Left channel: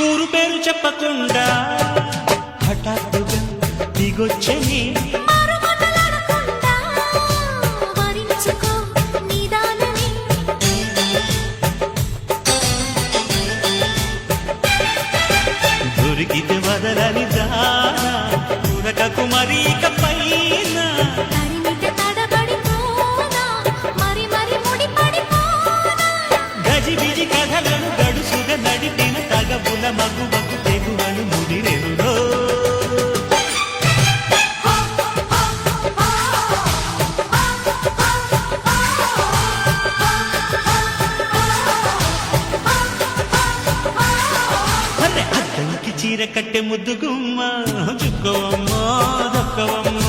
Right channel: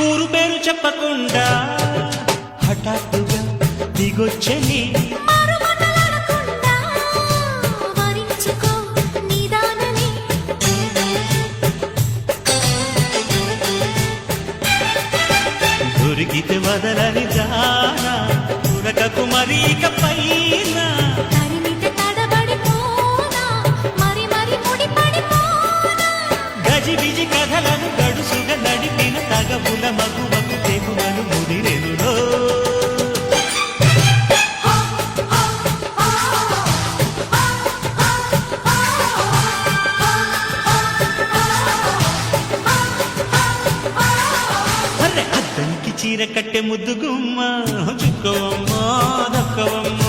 ఊరు పేరు చెప్పకుండా హఠాత్తుగా దిగొచ్చని దొరికితే వదలని దానా ఉరకకు మరీక పైన గజిబిజి కథలను గడుసుగా నడిపిన తగవుల మగువకు తెగువలు ముదిరెనురో అద్దంకి చీర కట్టె ముద్దు గుమ్మ చుక్కవమ్మ దక్కవమ్మ